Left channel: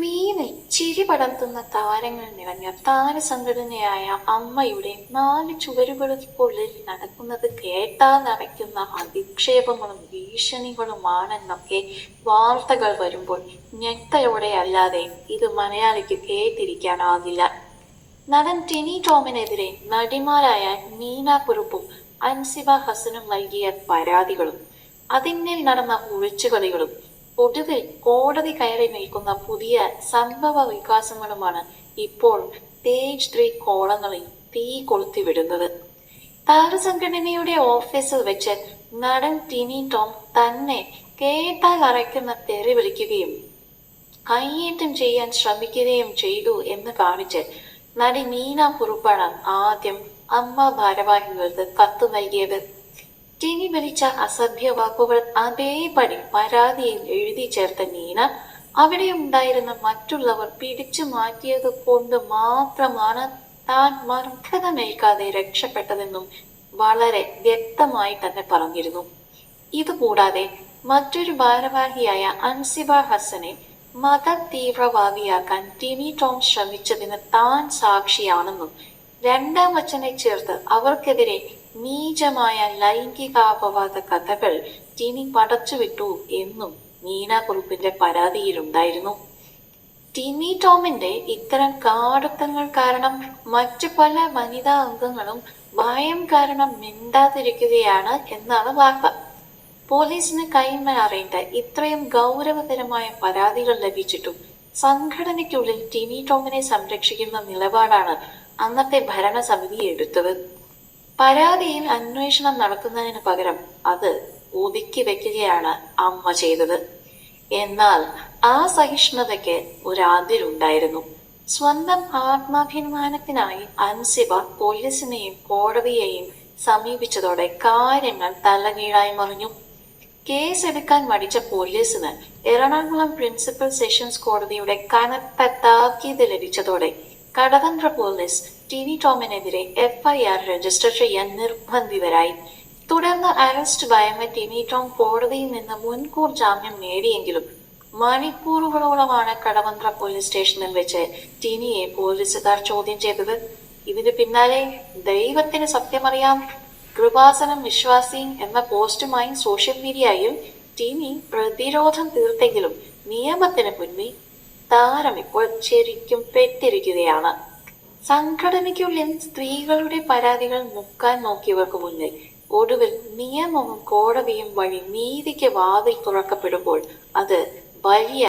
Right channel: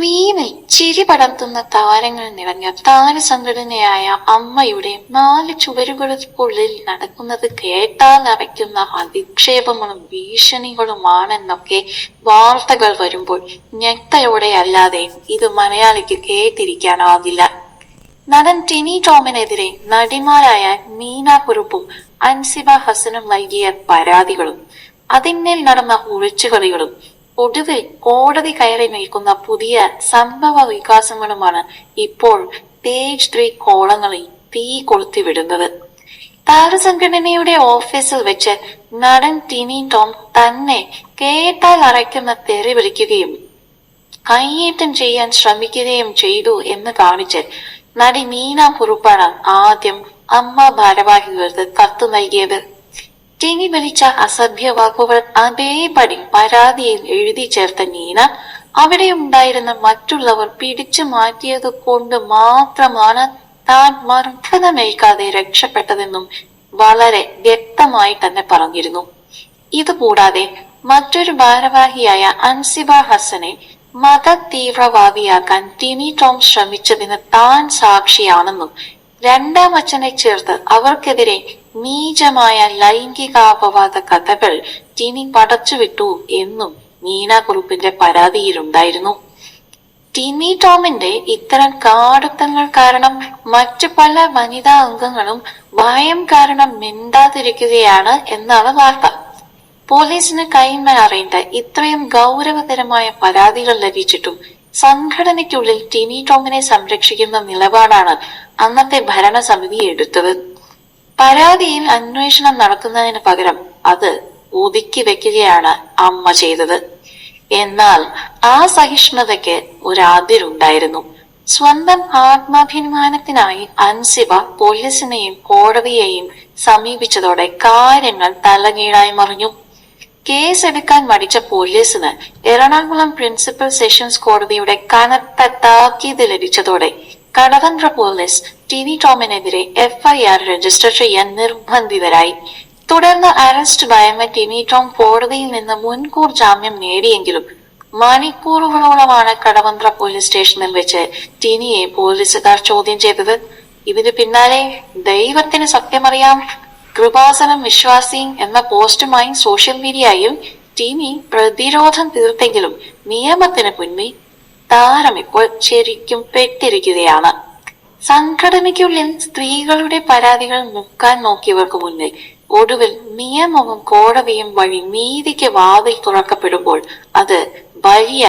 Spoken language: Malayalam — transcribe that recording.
സ്ക്രീനിൽ ചിരി പടർത്തുന്ന താരങ്ങൾ നിറഞ്ഞ താരസംഘടനയായ അമ്മയുടെ 4 ചുവരുകൾക്കുള്ളിൽ നടക്കുന്നത് കേട്ടാൽ അറയ്ക്കുന്ന അധിക്ഷേപങ്ങളും ഭീഷണികളുമാണെന്നൊക്കെ വാർത്തകൾ വരുമ്പോൾ ഞെട്ടലോടെ അല്ലാതെ ഇത് മലയാളിക്ക് കേട്ടിരിക്കാനാവില്ല. നടൻ ടിനി ടോമിനെതിരെ നടിമാരായ മീന കുറുപ്പും അൻസിബ ഹസനും നൽകിയ പരാതികളും അതിന്മേൽ നടന്ന ഒളിച്ചുകളികളും ഒടുവിൽ കോടതി കയറി നിൽക്കുന്ന പുതിയ സംഭവ വികാസങ്ങളുമാണ് ഇപ്പോൾ പേജ് 3 കോളങ്ങളിൽ തീ കൊളുത്തിവിടുന്നത്. താരസംഘടനയുടെ ഓഫീസിൽ വെച്ച് നടൻ ടിനി ടോം തന്നെ കേട്ടാൽ അറയ്ക്കുന്ന തെറി വിളിക്കുകയും കയ്യേറ്റം ചെയ്യാൻ ശ്രമിക്കുകയും ചെയ്തു എന്ന് കാണിച്ച് നടി മീന കുറുപ്പാണ് ആദ്യം അമ്മ ഭാരവാഹികൾക്ക് കത്ത് നൽകിയത്. ടിനി വിളിച്ച അസഭ്യ വാക്കുകൾ അതേപടി പരാതിയിൽ എഴുതി ചേർത്ത മീന അവിടെ ഉണ്ടായിരുന്ന മറ്റുള്ളവർ പിടിച്ചു മാറ്റിയത് കൊണ്ട് മാത്രമാണ് താൻ മർദ്ദനമേൽക്കാതെ രക്ഷപ്പെട്ടതെന്നും വളരെ വ്യക്തമായി തന്നെ പറഞ്ഞിരുന്നു. ഇതുകൂടാതെ മറ്റൊരു ഭാരവാഹിയായ അൻസിബ ഹസനെ മത തീവ്രവാദിയാക്കാൻ ടിനി ടോം ശ്രമിച്ചതിന് താൻ സാക്ഷിയാണെന്നും രണ്ടാം അച്ഛനെ ചേർത്ത് അവർക്കെതിരെ നീചമായ ലൈംഗികാപവാദ കഥകൾ ടിനി പടച്ചുവിട്ടു എന്നും മീന കുറുപ്പിന്റെ പരാതിയിലുണ്ടായിരുന്നു. ടിനി ടോമിന്റെ ഇത്തരം കാടുത്തങ്ങൾ കാരണം മറ്റു പല വനിതാ അംഗങ്ങളും ഭയം കാരണം മിണ്ടാതിരിക്കുകയാണ് എന്നാണ് വാർത്ത. പോലീസിന് കൈമാറേണ്ട ഇത്രയും ഗൗരവതരമായ പരാതികൾ ലഭിച്ചിട്ടും സംഘടനയ്ക്കുള്ളിൽ ടിനി ടോമിനെ സംരക്ഷിക്കുന്ന നിലപാടാണ് അന്നത്തെ ഭരണസമിതി എടുത്തത്. പരാതിയിൽ അന്വേഷണം നടത്തുന്നതിന് പകരം അത് ഒതുക്കി വെക്കുകയാണ് അമ്മ ചെയ്തത്. എന്നാൽ ആ സഹിഷ്ണുതയ്ക്ക് ഒരതിരുണ്ടായിരുന്നു. സ്വന്തം ആത്മാഭിമാനത്തിനായി അൻസിബ പോലീസിനെയും കോടതിയെയും സമീപിച്ചതോടെ കാര്യങ്ങൾ തലകീഴായി മറിഞ്ഞു. കേസെടുക്കാൻ മടിച്ച പോലീസിന് എറണാകുളം പ്രിൻസിപ്പൽ സെഷൻസ് കോടതിയുടെ കനത്ത താക്കീത് ലഭിച്ചതോടെ കടവന്ത്ര പോലീസ് ടിനി ടോമിനെതിരെ FIR രജിസ്റ്റർ ചെയ്യാൻ നിർബന്ധിതരായി. തുടർന്ന് അറസ്റ്റ് ഭയന്ന ടിനി ടോം കോടതിയിൽ നിന്ന് മുൻകൂർ ജാമ്യം നേടിയെങ്കിലും മണിക്കൂറുകളോളമാണ് കടവന്ത്ര പോലീസ് സ്റ്റേഷനിൽ വെച്ച് ടിനിയെ പോലീസുകാർ ചോദ്യം ചെയ്തത്. ഇതിന് പിന്നാലെ ദൈവത്തിന് സത്യമറിയാം, കൃപാസനം വിശ്വാസി എന്ന പോസ്റ്റുമായി സോഷ്യൽ മീഡിയയിൽ ടിനി പ്രതിരോധം തീർത്തെങ്കിലും നിയമത്തിന് മുന്നിൽ താരം ഇപ്പോൾ ശരിക്കും പെട്ടിരിക്കുകയാണ്. സംഘടനയ്ക്കുള്ളിൽ സ്ത്രീകളുടെ പരാതികൾ മുക്കാൻ നോക്കിയവർക്ക് മുന്നിൽ ഒടുവിൽ നിയമവും കോടതിയും വഴി നീതിക്ക് വാതിൽ തുറക്കപ്പെടുമ്പോൾ അത് വലിയ